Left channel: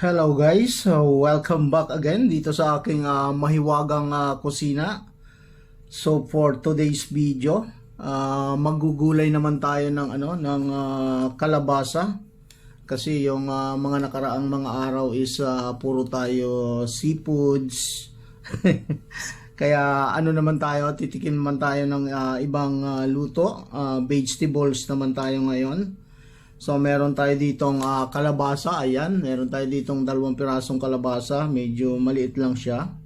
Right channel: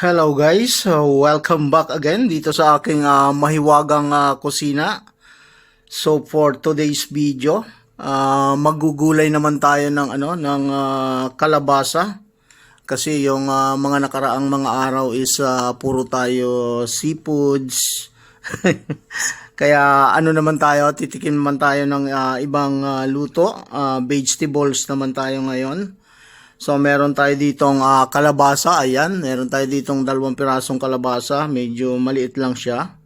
Hello guys, welcome back again dito sa aking mahiwagang kusina. So for today's video, maggugulay naman tayo ng kalabasa kasi yung mga nakaraang mga araw is puro tayo seafoods. Kaya naman tayo, titikim naman tayo ng ibang luto, vegetables naman tayo ngayon. So meron tayo ditong kalabasa, ayan, meron tayo ditong 2 pirasong kalabasa, medyo maliit lang siya.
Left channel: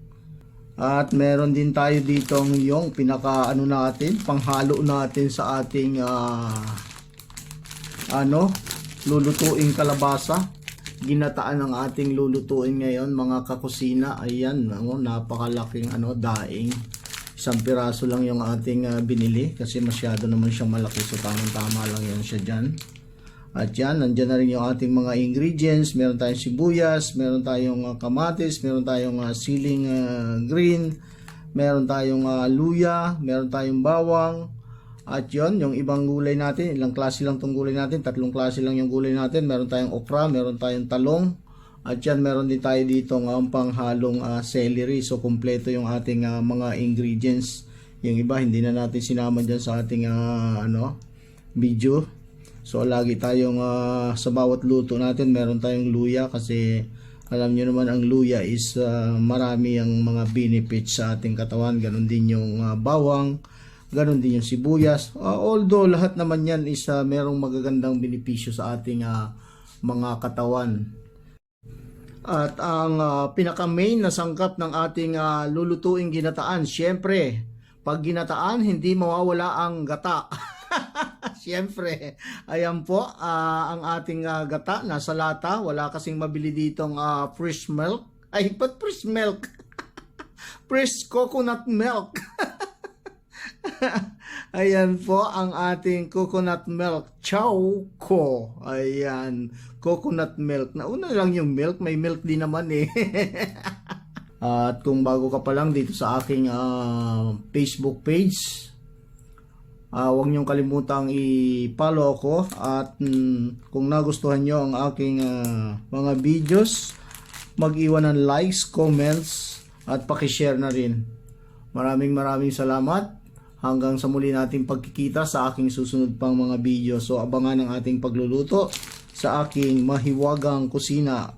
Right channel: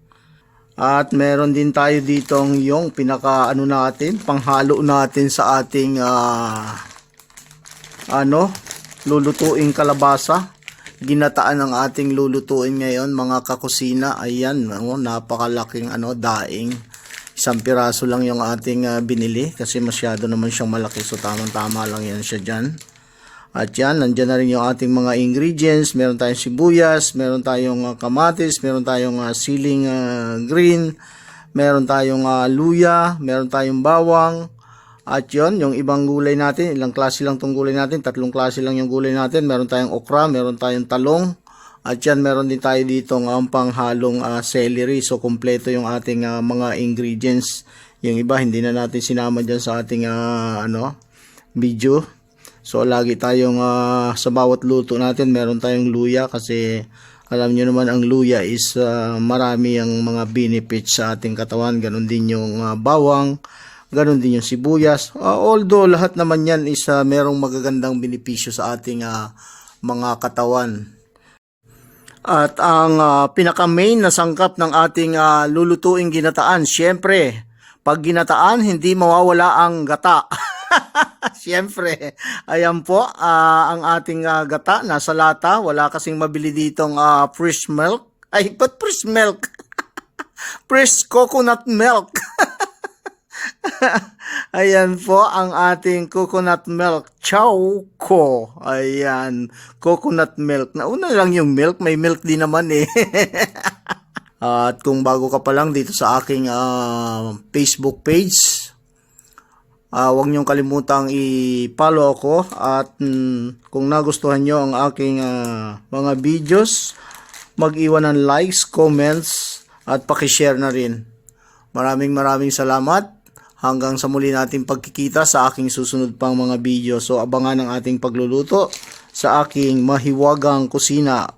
At meron din tayo ditong yung pinaka natin, panghalo natin sa ating lulutuing kalabasa. Ginataan ang ating lulutuin ngayon mga kakusina. Ayan, napakalaking daing. 1 piraso lang yung ating binili kasi masyado naman siyang malaki, so tamang-tama lang yan siya dyan. At yan, nandyan na rin yung ating mga ingredients. Meron tayong sibuyas, meron tayong kamatis, meron tayong siling green, meron tayong luya, meron tayong bawang. At yon, yung ibang gulay natin, ilang klase lang tong gulay natin, 3 klase lang yung gulay natin. Meron tayong okra, meron tayong talong. At yan, meron din tayo dito ng panghalong celery. So, kompleto yung ating mga ingredients. Yung iba, hindi na natin sinama dyan sa ating video. So lagi tayong sa bawat luto natin meron tayong luya kasi alam nyo naman ang luya is marami ang mga benefits sa ating katawan. Ganon din yung bawang, ganon din yung sibuyas. Although lahat naman yan is merong magagandang benepisyo sa ating mga katawan. At ang pinaka main na sangkap ng ating lulutuing ginataan, syempre pag ginataan hindi mawawala ang gata. Siyempre, ayan po ang ating gata, nasa lata. Wala kasing mabili ditong fresh milk. Ay, ba't fresh milk? Fresh coconut milk. Ayan po ang ating coconut milk. Choco. Ayan, coconut milk. Nauna lang yung milk, may milk din naman eh. At kung bago ka pa lang dito sa aking Facebook page, huwag niyong kalimutang i-follow ako at kung nagustuhan niyo ang aking mga videos, mag-iwan ng likes, comments at paki-share na rin. Maraming salamat. Hanggang sa muli nating pagkikita sa aking susunod pang mga video. So abangan ang ating pagluluto sa aking mahiwagang kusina.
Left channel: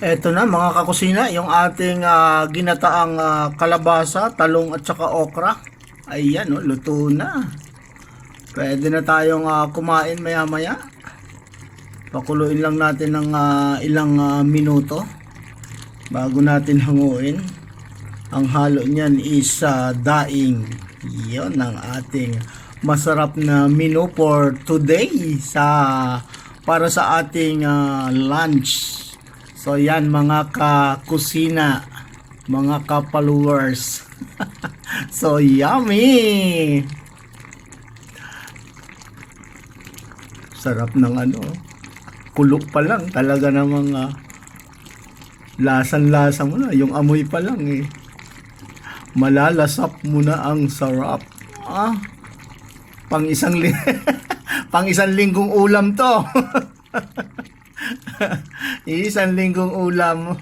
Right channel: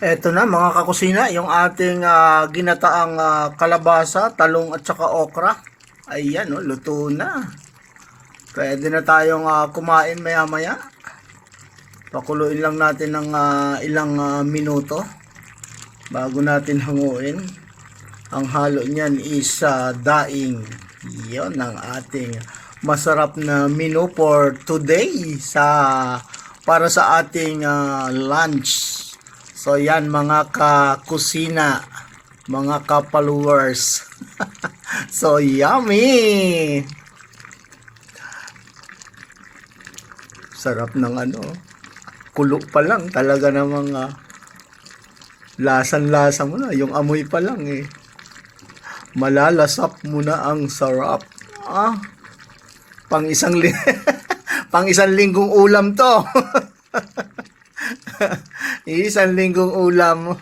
Eto na mga kakusina, yung ating ginataang kalabasa, talong at saka okra. Ayan, luto na. Pwede na tayong kumain maya-maya. Pakuluin lang natin ng ilang minuto bago natin hanguin. Ang halo niyan is daing. Yon ang ating masarap na menu for today para sa ating lunch. So yan mga kakusina, mga ka-followers. So yummy! Sarap ng kulo pa lang. Talaga namang lasan-lasa mo na. Yung amoy pa lang eh. Malalasap mo na ang sarap. Pang isang linggong ulam to. Isang linggong ulam.